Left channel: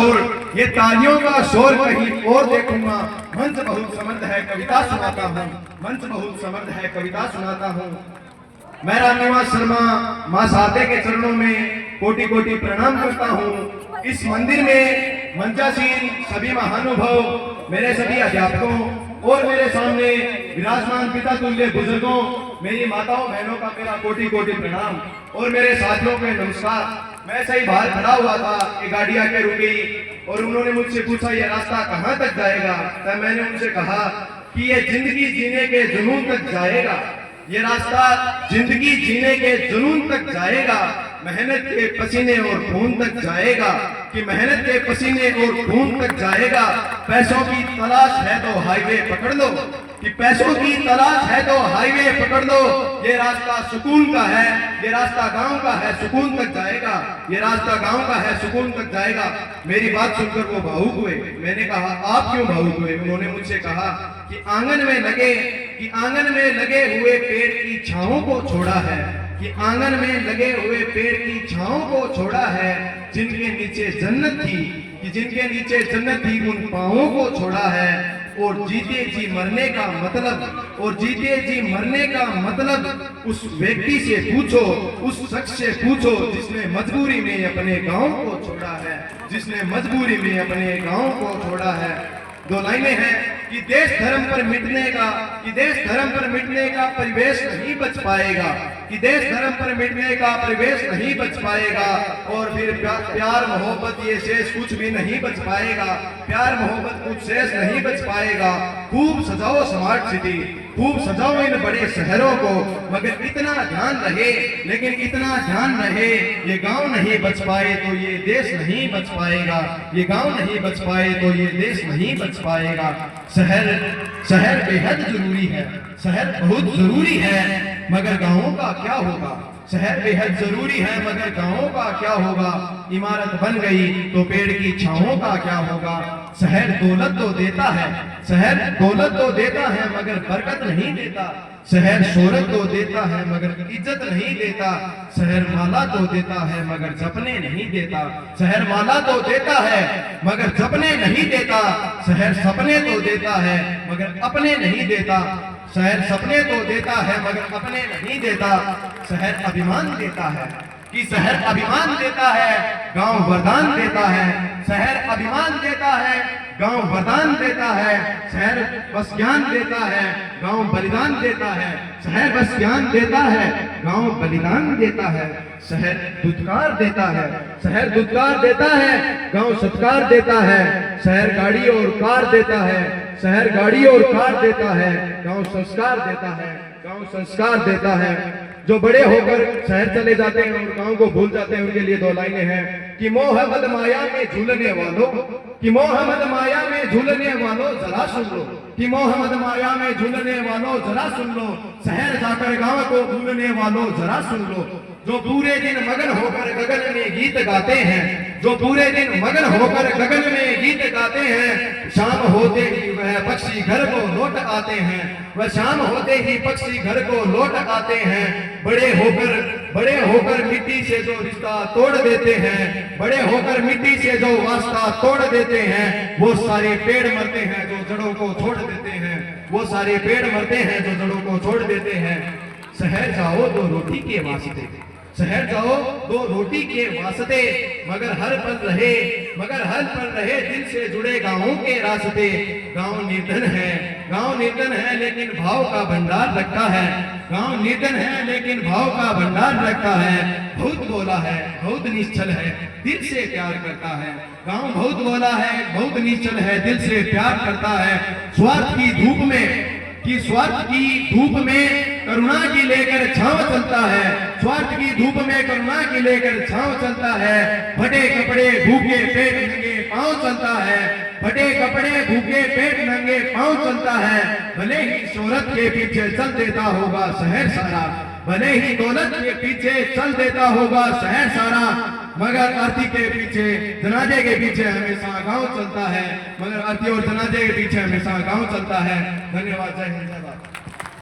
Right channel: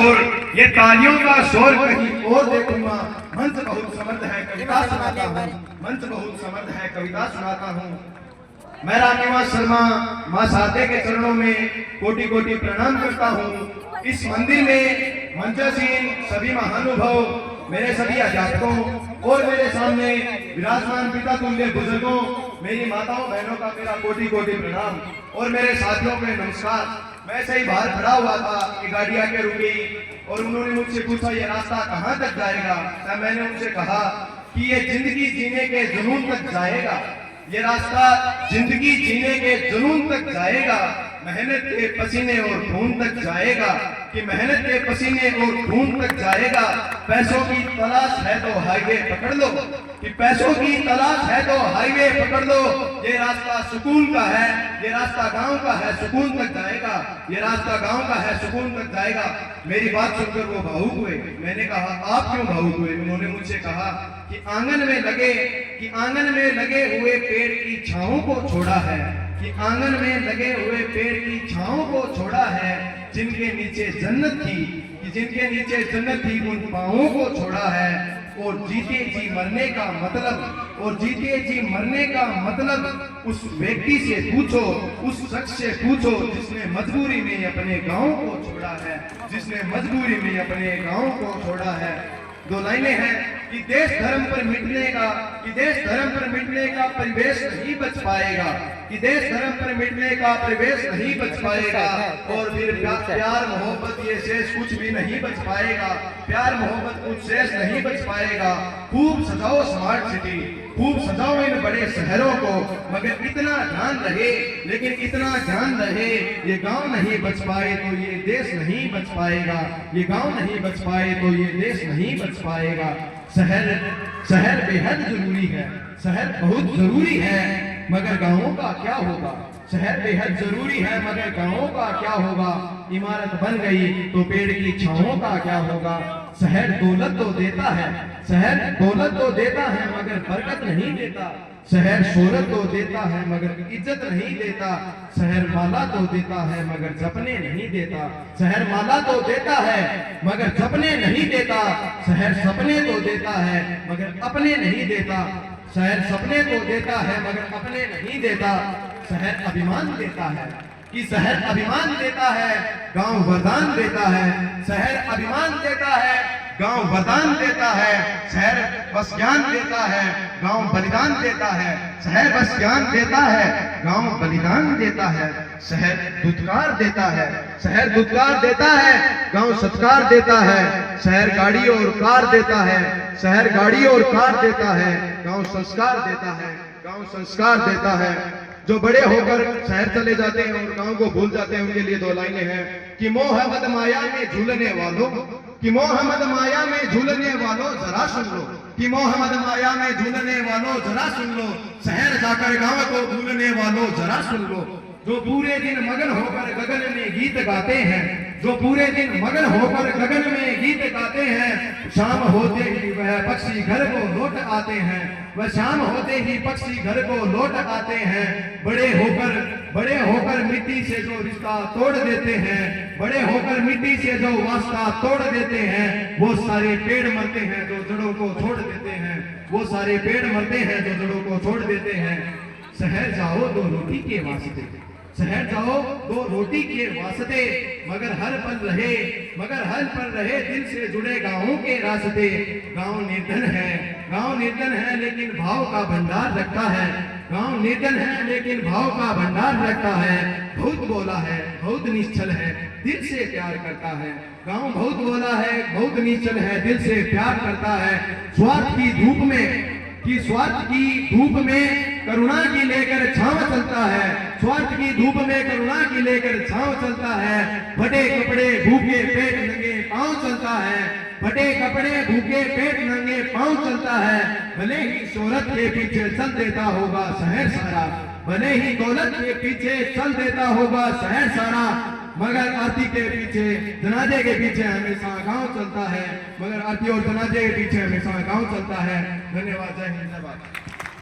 शोर, ये तालियों का शोर कहीं और देखूंगा। मंच बहुत समर्थ है, कविता सुनाता हूँ। मंच बहुत समर्थ है, कविता सुनाता हूँ। मैं रामनिवास शर्मा मां शारदे के चरणों में कोटि कोटि प्रणाम करता हूँ। इस मंदिर में मंचासीन सभी महानुभव, मेरे सभी अध्यापकों और मेरे सामने विराजमान पिता तुल्य बुजुर्गों, मेरी माताओं बहनों का मेरा कोटि कोटि प्रणाम और मेरे साथियों के नमस्कार। मैं ऐसे ही बाहर खड़ा हुआ था कि गाड़ी आके रुक गई और उन्होंने मुझसे पूछा ये रास्ता कहाँ तक जाएगा। तब मैंने उनसे कहा कि ये जिंदगी जीने के जुनून तक जाएगा, ये रास्ता जिंदगी जीने के जुनून तक जाएगा, मेहनत के पसीने और खून तक जाएगा, कि मेहनत के पसीने और खून तक जाएगा। पैसों की तलाश है तो हाईवे पकड़ लो, कि पैसों की तलाश है तो हाईवे पकड़ लो। ये रास्ता सुकून का है, ये रास्ता गांव का है, सुकून तक जाएगा। ये रास्ता गांव का है, सुकून तक जाएगा। मेरी बात सुनकर वो भावुक हुए। मैंने कहा आप क्यों भावुक हुए? उन्होंने मुझसे कहा कि आंगन में लगे हुए पेड़ की छांवों को छोड़ा है, कि आंगन में लगे हुए पेड़ की छांवों को छोड़ा है। जिनके नीचे जन्नत थी, कि जिनके नीचे जन्नत थी, उन पांवों को छोड़ा है। और जीते जी मरने का मतलब, और जीते जी मरने का मतलब उस व्यक्ति से पूछो, उस शख्स से पूछो जिसने मजबूरी में अपने गांव को छोड़ा है, जिसने मजबूरी में अपने गांव को छोड़ा है। दो लाइनें हैं कि देश धर्म पर मिटने का, कि देश धर्म पर मिटने का परिवेश नहीं बच पाएगा, कि देश धर्म पर मिटने का परिवेश नहीं बच पाएगा। और फिर प्यार मोहब्बत ये शेष कुछ भी नहीं बच पाएगा, प्यार मोहब्बत कुछ शेष नहीं बच पाएगा। खूब सजाओ स्मार्ट सिटी, खूब सजाओ इन बड़े शहरों को, मगर इतना ध्यान रहे, लेकिन इतना ध्यान रहे, ये गांव नहीं बच पाए तो ये देश नहीं बच पाएगा, ये गांव नहीं बच पाए तो ये देश नहीं बच पाएगा। शहर बेहद जरूरी है, शहर बहुत जरूरी है, मगर गांवों का क्या होगा? शहर बेहद जरूरी है, मगर गांवों का क्या होगा? इमारत बन गई तो पेड़ की छांवों का क्या होगा? शहर दौलत तो देता है, शहर दौलत तो देता है, मगर बरकत नहीं देता। शहर शोहरत तो देता है, मगर इज्जत नहीं देता। शहर माला तो देता है, मगर जपने नहीं देता। शहर माला तो देता है, मगर जपने नहीं देता। शहर सपने तो देता है, मगर अपने नहीं देता। शहर सपने तो देता है, मगर अपने नहीं देता। शहर अभिमान देता है, कि शहर अभिमान देता है, गांव वरदान देता है। शहर अभिमान देता है, गांव वरदान देता है। शहर बस ज्ञान देता है, गांव बलिदान देता है। शहर बस ज्ञान देता है, गांव बलिदान देता है। शहर दुत्कार देता है, शहर दुत्कार देता है, गांव सत्कार देता है। शहर गाड़ी और कार देता है, शहर गाड़ी और कार देता है, गांव संस्कार देता है, गांव संस्कार देता है। जो बड़े होकर शहर चले जाते हैं और गांव को भूल जाते हैं, उनके लिए दो लाइनें हैं कि मोह मद माया में झूलने वालों, कि मोह मद माया में झूलने वालों जरा सुन लो, कि मोह मद माया में झूलने वालों जरा सुन लो। शहर जाकर गांव को भूलने वालों जरा सुन लो। जो पूरे दिन मगन होकर गगन में गीत गाते हैं, जो पूरे दिन मगन होकर गगन में गीत गाते हैं, शाम होते ही वह पक्षी घर को लौट आते हैं। वह शाम होते ही पक्षी घर को लौट आते हैं। बड़े होकर मिट्टी से जो रिश्ता तोड़ देते हैं, बड़े होकर मिट्टी से जो वास्ता तोड़ देते हैं, वो सारे पेड़ मरते हैं जो जड़ों को छोड़ देते हैं। वो सारे पेड़ मरते हैं जो जड़ों को छोड़ देते हैं। शहर जाओ दो रोटी के वास्ते, शहर जाओ दो रोटी के वास्ते, मगर हर पल रहे दिल से जुड़े गांवों के रास्ते। गांव निर्धन है, गांव निर्धन है, लेकिन भाव का भंडार रखता है। गांव निर्धन है, लेकिन भाव का भंडार रखता है। बहुत बोला है, बहुत निश्चल है, दिल से प्यार करता है। गांव बहुत बोला है, बहुत निश्चल है, दिल से प्यार करता है। स्वार्थ की धूप में करुणा की लेकर छांव चलता है। स्वार्थ की धूप में करुणा की लेकर छांव चलता है। फटे कपड़े भूखे पेट नंगे पांव चलता है। फटे कपड़े भूखे पेट नंगे पांव चलता है। भले ही शोहरत के पीछे चल देता होगा शहर सारा, भले ही दौलत के पीछे चल देता होगा शहर सारा, मगर आरती के पीछे, जनाजे के पीछे हमेशा गांव चलता है। मगर आरती और जनाजे के पीछे हमेशा गांव चलता है। धन्यवाद। जय हिंद, जय भारत।